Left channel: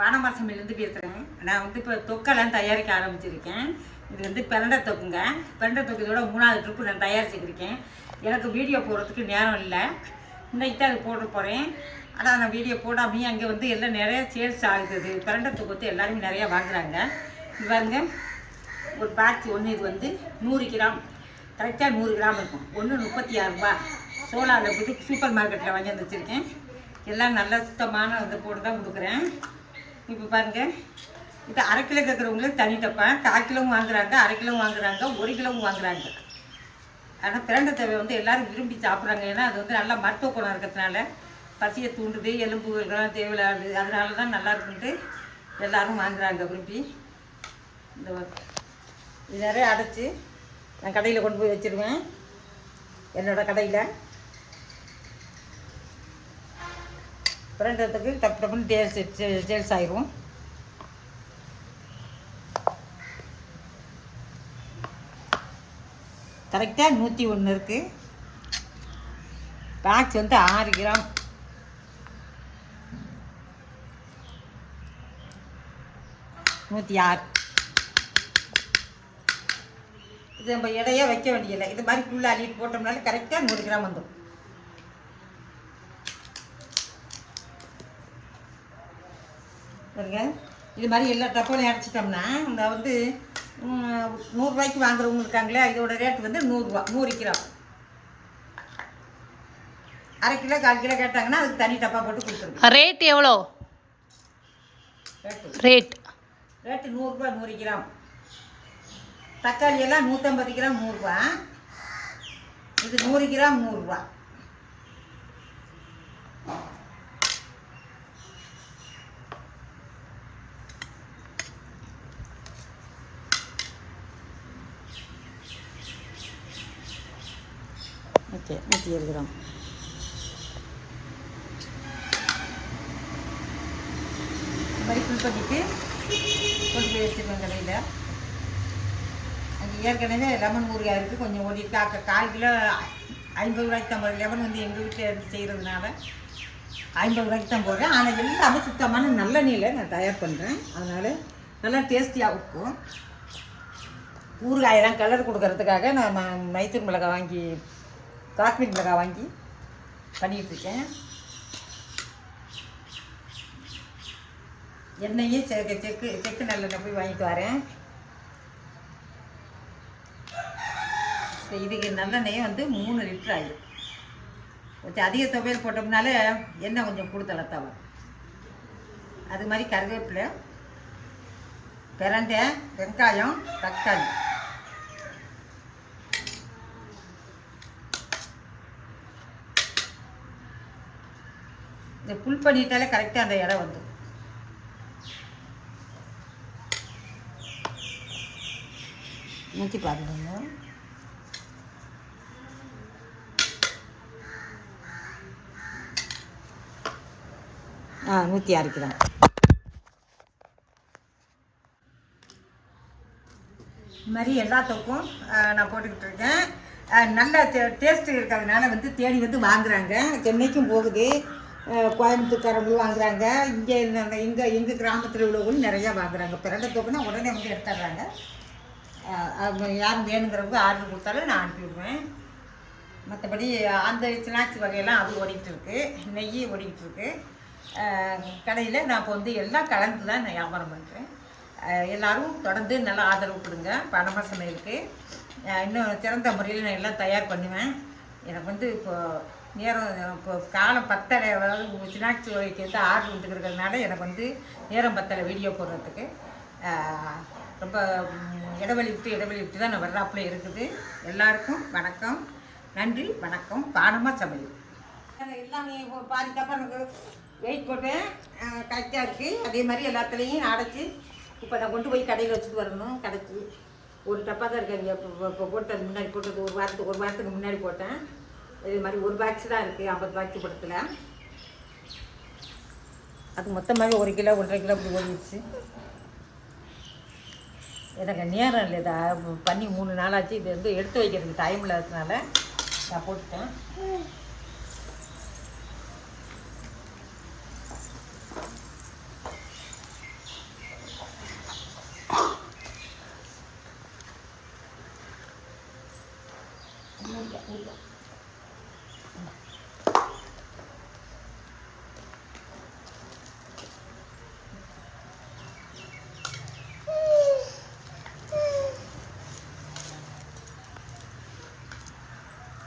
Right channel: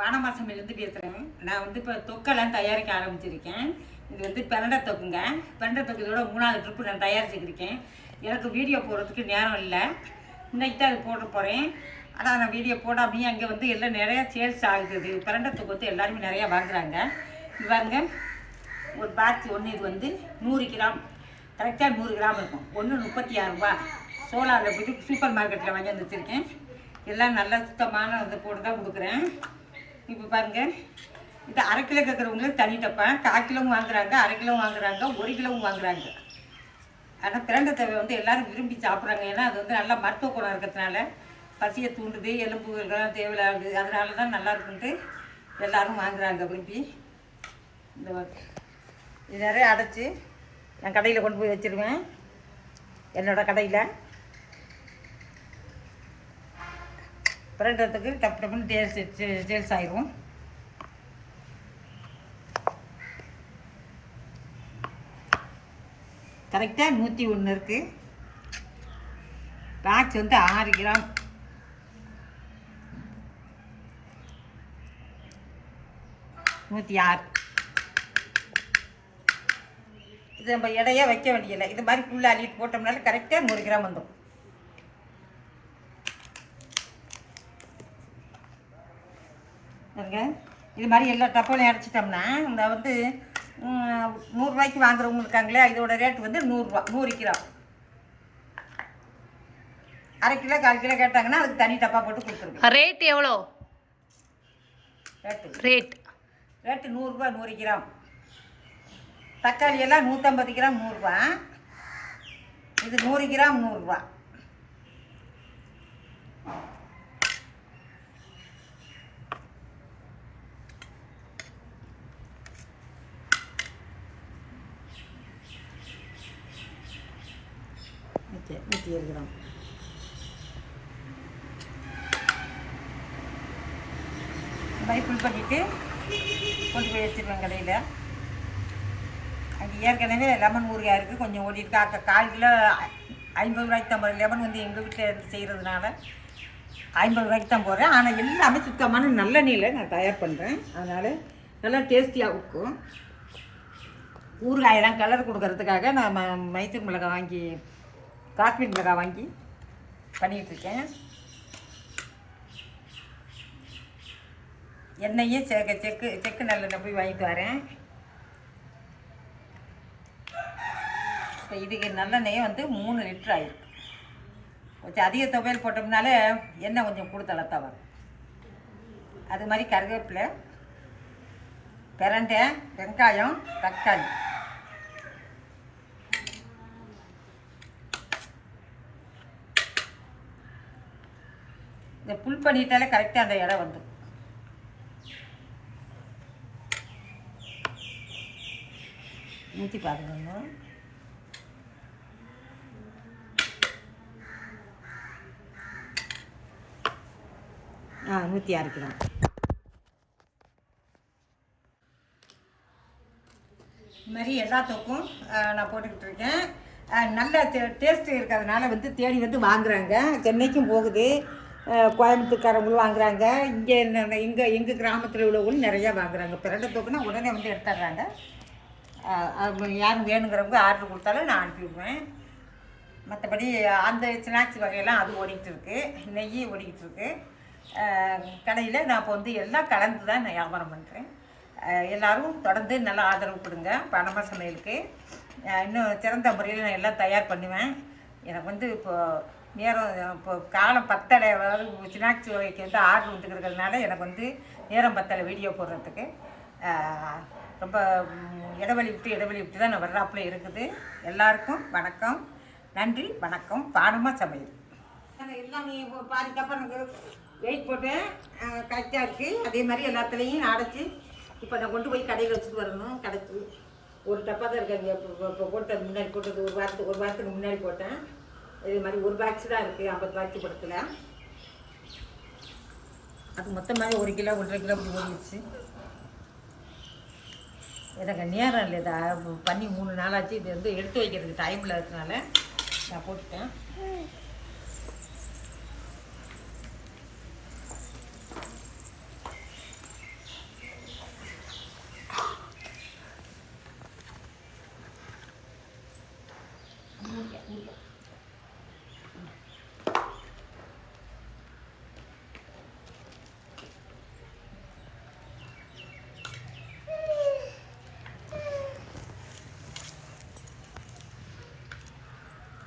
பானமாசமிலேருந்து பேசுகிறேன் நான் வந்து இப்போ தொக்கெல்லாம் தயாரிக்க ஆரம்பிச்சிருக்கேன். இது வந்து பிரண்டை தொக்குங்க. பிரண்டை தொக்கு இதோட மூணாவது ட்ரிப்பு நான் தயாரிச்சுக்கிருக்கேன் எனக்கு வீடியோ போடுறதுக்கு நேரம் இல்லை. இன்னைக்கு தான் அது போட்டு போகிறேன் ஆனால் நான் வீடியோ போடாமையே அங்கே வந்து எல்லாம் நிறையா சேல்ஸ் ஆகுது. பிரண்டை தொக்கு வந்து எல்லாருமே நிறையா வாங்குறாங்க. இது பாருங்க. ஒரு பாக்ஸ் ஒன்று இது வந்து நூறு கிராம். கரெக்டாக நூறு கிராம் இருக்கும். ஒன்று முப்பத்தி ஆறு ரூபா. சோலாவில் போய்ட்டு சூப்பர் மார்க்கெட்டில் வாங்கி வந்து வச்சுருக்கேன். எல்லாம் நல்ல சுத்தமான இதை போட்டு தான் கொடுக்குறேன். இப்போ பாருங்கள் இது அரை கிலோ கேட்குறவங்களுக்கு தனி டப்பேன் கால் கிலோவும் வாங்குறாங்க அரை கிலோவும் வாங்குறாங்க ஒரு கிலோவும் வாங்குறாங்க. ஆனால் பிரண்டை தேவை வந்து எல்லாரும் விரும்பி சாப்பிட்றாங்க. ஏன்னா அது வந்து நல்லா மருத்துவ குணம் இருக்கிறதுனால பசியை தூண்டுது எலும்புகள்லாம் தேவையில்லாது அதனால தான் நல்லா இருக்குன்ட்டு எல்லாரும் வாங்குறாங்க விரும்பி. இந்த இது நிறைய அடைச்சி நான் கடையில் கொண்டு போய் வச்சுருவேன். என்னோடய கடையில். பிரண்டத்துக்கு தப்பு டப்புன்னு டேல்ஸ் டேல்ஸ் ஆயிரும். கரெக்டாக நூற்றி ஒன்று இருக்குது பாக்ஸ் வந்து ஆறு கிராம். நூற்றி ஆறு. இது நம்ம இடையே வைக்க வேண்டியதில்லை. இது மாதிரி ஃபுல்லாக அள்ளிட்டு போட்டோம்னால கரெக்டாக நூறு கிராம் வந்துடும் பாருங்க. இது மாதிரி எல்லா டப்பாலையும் அடைச்சிட்டோம்னா இந்த வந்து நூறுரூவாய்க்கு வாங்குறவங்க இருக்காங்களே இதோட ரேட் வந்து நூறுரூவா நூறு கிராம் அரை கிலோ கால் கிலோ கேட்டாங்கன்னா அதுக்கு தனி டப்பா போட்டு கொடுத்துருங்க. ரேட் எவ்வளோ? ரேட்டு ரேட் ரேட்டு நூறுரூபா நூறு கிராம் தக்காளி எல்லாம் நூற்றம்பது கிராம் நூறுரூவா. இது நூறு கிராம் நூறுரூவா. ஓகே நூற்றி ஏழு கிராம். மாதிரி ஃபுல் பண்ணிவிட்டு கொண்டு போய் எடுத்துருவேன் கடையில். அங்கே ஏற்கனவே லெமன் ஊறுகாய் இருக்குது கொஞ்சம் ஓடிருக்கு அக்க கால் கிலோ ஐம்பது ரூபாய்க்கு தான் போகிறேன் லெமன் வந்து எங்கள் வீட்டில் செய்கிறதுனால ஐம்பது ரூபாய்க்கு தான் போடுறேன். ஆனால் எல்லாமே சுத்தமான நல்ல நீரில் நான் தயார் பண்ணுறேன் அதனால் நல்லா டேஸ்டியாக இருக்கும். ஊறுகாயெல்லாம் கலர் கொடுக்கறதுக்காக நான் ம- மைசூர் மிளகாய் வாங்கி காஷ்மீர் மிளகாய் வாங்கி பண்ணிகிட்ருக்கேன் எண்ணெயும் செக்கு செக்கு செக்கு நல்லெண்ணெய் போய் வாங்கிட்டு வரேன். இப்போ இதுக்கு நல்லெண்ணெயே வந்து மூணு லிட்டர் ஆகிருக்கு கொஞ்சம் அதிக துவையல் போட்டோம்னால எண்ணெய் கொஞ்சம் கொடுத்தளத்தான் வரும். அது மாதிரி கருவேப்பிலை பிரண்டை வெங்காயம் தக்காளி. இந்த புல் பண்ணிட்டாலே கரெக்டாக அந்த இடம் வந்துடும் ஊற்றி பாருங்க ஆ நூற்றி ஆறு கிராம் இது மாதிரி எல்லாத்துக்கும் நான் போட்டுக்கிட்டு இருக்கேன். நல்ல டேஸ்ட்டு இருக்கிறதுனால வந்து தேடி வந்து வாங்குறாங்க. சென்னைக்கும் போகுது. கோயம்புத்தூர்காரங்களும் வாங்குறாங்க. இங்கே இங்கே எங்கள் கிராமத்தில் உள்ளவங்களும் நிறையா வாங்குறாங்க. பிரண்டை தூக்குனா உடனே வந்து எடுத்துட்றாங்க. யாரும் வேணுங்கிறவங்க ஆர்டர் கொடுத்தாலும் நான் அனுப்பிவிடுவேன் மற்றபடி அந்த ஸ்நாக்ஸ் வகையெல்லாம் அது ஓடிக்கிட்டு இருக்குது நெய் ஓடிக்கிட்டு இருக்குது கடையில் நான் இப்போ வந்து எல்லாம் கலந்து தான் நான் வியாபாரம் பண்ணுறேன் எல்லோரும் தொடர்ந்து நல்லா ஆதரவு கொடுங்க. பணமா சமையலுக்கு. இன்னும் சிறந்த முறையில் நான் எல்லாம் தயார் பண்ணுவேன். எனக்கு வந்து இப்போது நேரம் இப்போ காலம் பத்தலை அதாவது ஸ்நாக்ஸ் வகைக்கு வந்து ஆர்டர் வந்துருக்கிறதுனால எனக்கு வந்து நேரம் பத்தலை வீடியோ போடுறதுக்கு. ரொம்ப இடவெளி இடைவெளி விட்டு இடைவெளி விட்டு தான் நான் வர்றாப்புல இருக்குது. எல்லாருக்கும் வணக்கம். நன்றி வணக்கம். பானமாக சமையல். எல்லாம் நீ பாதி தப்பா எனக்கு வெயிட் போட்டேன் கரெக்டாக இருக்குது அதே மாதிரி எல்லாத்துலேயும் அடைச்சி இப்போ நான் கொண்டு போய் கடையில் வச்சுட்டு வரணும். கடைச்சி ஒரு டப்பா தான் இருக்காங்க இப்போ இப்போ போட்டது முன்னாடி போட்டது ஒரு வாரத்துக்கு ஒரு வாரத்துக்கு முன்னாடி போட்டேன். இது மாதிரி ஒரு பாக்ஸ் தான் இருக்குது ஐம்பது பாக்ஸ் படத்தில். அது மொத்தமாக ஒரு கிலோ ஒன்றரை கிலோ அப்படி ஓடிடுச்சு. எனக்கு நேரம் இல்லை இதை பண்ணி மூணு நாளாச்சு. இது வந்து எடுத்து வைக்கிறதுக்கு டைம் இல்லாததுனால நான் போட்டுட்டேன்.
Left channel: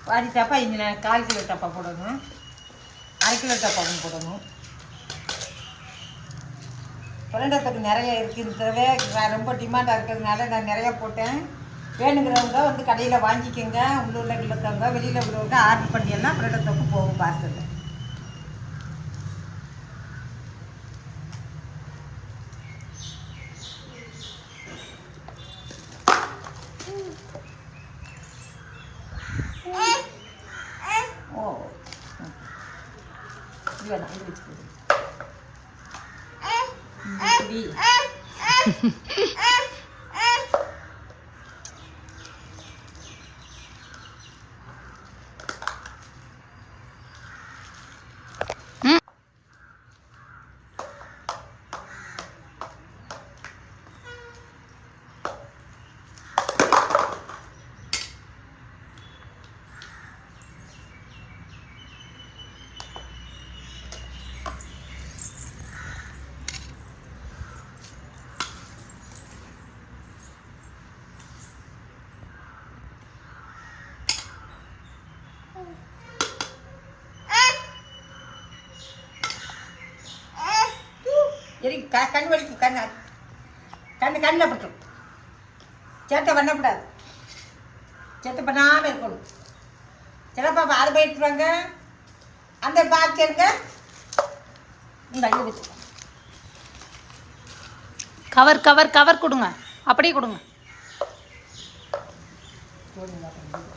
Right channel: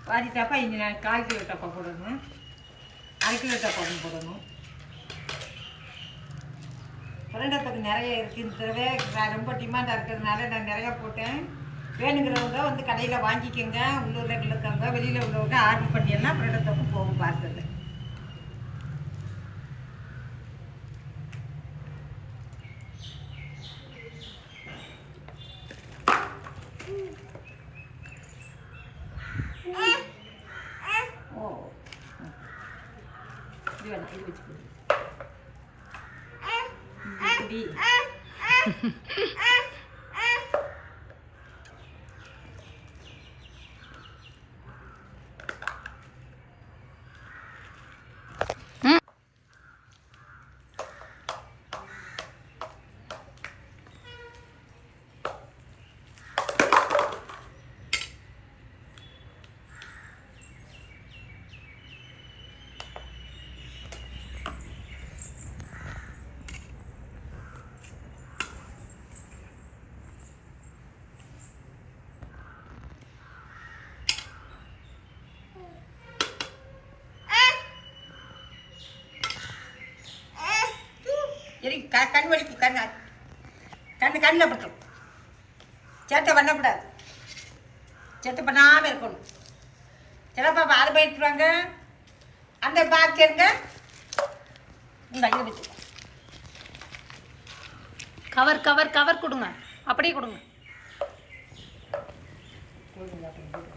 பாதி டப்பா இஞ்சி நான் கால் கிலோ டப்பா போடணும். அரை கிலோ டப்பாவும் போடணும். புரண்டத்துக்கு நிறைய இருக்குன்றவே நான் ரொம்ப டிமாண்டாக இருக்கிறதுனால நான் நிறையா போட்டேன். வேணுங்கிறவங்க வந்து கடையில் வாங்கிக்கோங்க. உள்ளூரில் இருக்கவங்க வெளியில் உள்ளவங்க ஆர்டர் பண்ணியெல்லாம் தப்பு போகும் பார்சலில் இது வேணாம் இது வச்சுக்கோ இப்படி எரி க கண் வலிக்கும் கண் கண் கண்ணில் பட்டும் சேட்டை பண்ணக்கூடாது. சேட்டை பண்ணாமல் இருக்கணும். சிலப்பா அதை போயிட்டுருவாங்க அந்த பாக்ஸ் இருங்க இந்த இங்கே வச்சுக்கோ கவர் கவர் கவர் கொடுங்க. அப்படியே கொடுங்க. அப்புறம்